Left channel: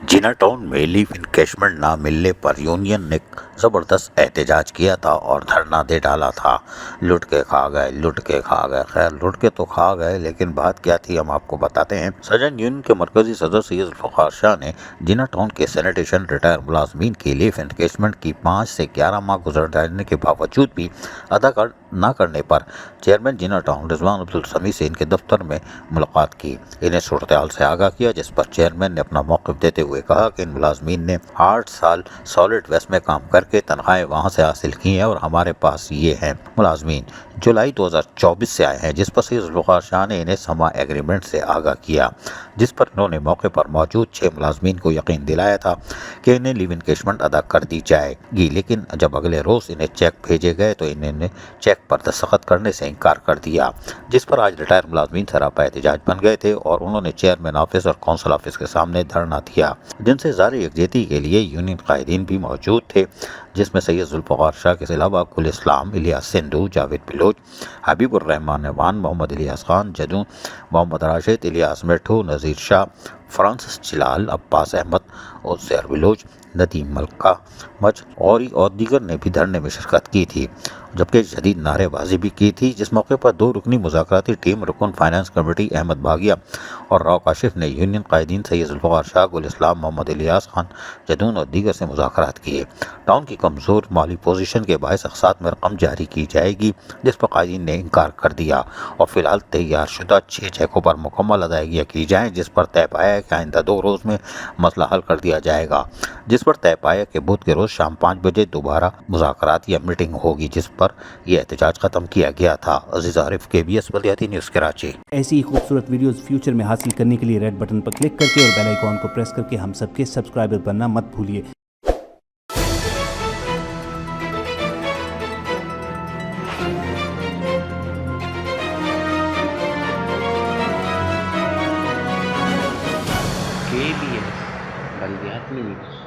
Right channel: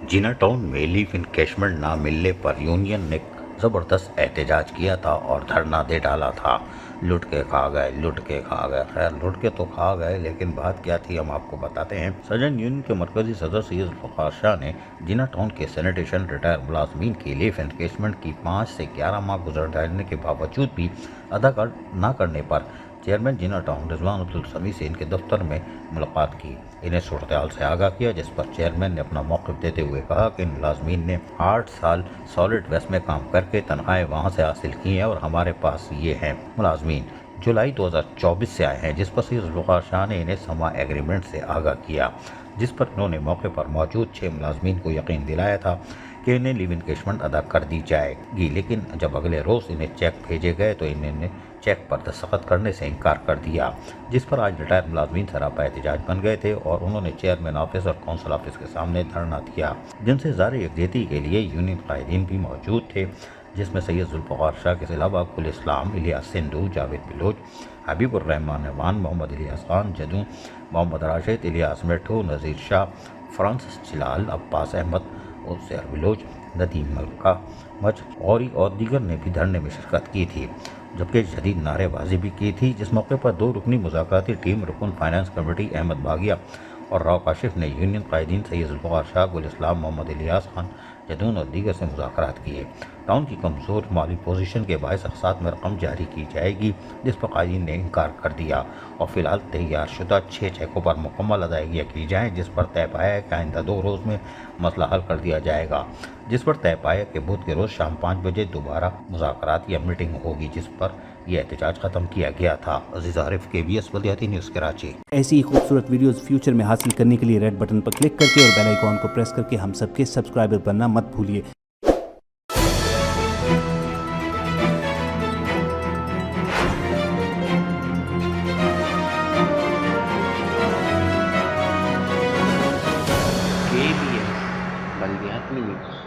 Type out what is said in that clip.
जिना town में leave encashment ना मिलने पर यूनियन ने ज़बरदस्त एहतजाज किया था और धरना दे डाला था। लुट के खा गए, लुट के खा गए। खैर, लुट के तो खा गए, लेकिन बात क्या थी हम आपको बताते हैं। सर्जन यूनियन के मरकजी सदर सैयद जुल्फ़िकार शाह ने जिना टाउन के सैनिटेशन रिटायर मुलाजमीन की लीव इनकैशमेंट की 5 से 11 माह गुजर जाने के बावजूद भी अदा न करने पर चेयरमैन जिना टाउन रिजवान अब्दुल समी से इनके दफ्तर में मुलाकात की, इन्हें सूरत हाल से आगाह किया, जिस पर चेयरमैन ने अपना मौक़िफ़ देते हुए कहा कि इन मुलाजमीन ने 8 साल सॉलिड वेस्ट में काम करके तनख्वाहें वहाँ से हासिल की हैं और हमारे पास ये हैं। मुलाजमीन जुलाई 2024 से आए हैं, जिस पर सैयद जुल्फ़िकार शाह ने इन्हें समा एग्रीमेंट से आगाह किया, जिस पर इन्होंने मौके पर मौजूद 6 मुलाजमीन को यकीन दिलाया था कि इन्हें लीव इनकैशमेंट अदा कर दी जाएगी। लेकिन जब अगले रोज़ इन्हें चेक भेजे गए तो इन्होंने चेक पर दस्तखत करने से इनकार कर दिया, जिस पर आज रिटायर मुलाजमीन सरापा एहतजाज बन गए थे और उन्होंने चेयरमैन ऑफिस और कौंसल ऑफिस के सामने धरना दिया, जिनसे ज़ाहिर यकजहती के लिए यूनियन कायदीन भी मौजूद थे, जिसमें सैयद जुल्फ़िकार शाह के अलावा गुल इस्लाम, इलियास सिंधु, जावेद बिलोच, हबीबुर रहमान अवान, मोहम्मद इलियास खान जदू, मोहम्मद राशिद, इलियास मिठू, नज़ीर शाह, फ्रांसिस चिलाल, अब्बास अहमद और ज़ैर बिलोच, नदीम मलका मज और दीगर ने भी धरने में शिरकत की थी, जबकि जदीद नारेबाजी भी की थी। जिस मौके पर 2 रुकनी मुज़ाकराती टीम रुकन फाइनेंस कमेटी अहमद भागिया और राव काशिफ ने यूनियन कायदीन सैयद जुल्फ़िकार शाह, गुल इस्लाम, मोहम्मद इलियास खान जदून और दीगर से मुज़ाकरात किए। टाउन की कमज़ोर माली पोजीशन के बायस अक़सात में रकम जारी की जाएगी, जिस पर कायदीन ने इनकार कर दिया और फिलहाल तैयार शुदा 6 चेकों पर मुकम्मल अदायगियाँ की जाएँ, जिस पर तय पाया है कि आइंदा 2 रोज़ में मसला हल कर दिया जाएगा, जिस पर तय पाया कि बुध के रोज़ शाम 5 बजे दोबारा मुज़ाकरात या मीटिंग होगी, जिस पर यह एहतजाज ख़त्म किया गया था। अज़ीज़ आरिफ, KBS बल्दियाती न्यूज़ कराची। ऐसी ही खूबसूरत वीडियोस फ्यूचर में हासिल करने के लिए रेड बटन पर क्लिक करके और बेल आइकॉन को प्रेस करके हम सबके सब्सक्राइबर बनना मत भूलिए। KBS बल्दियाती न्यूज़।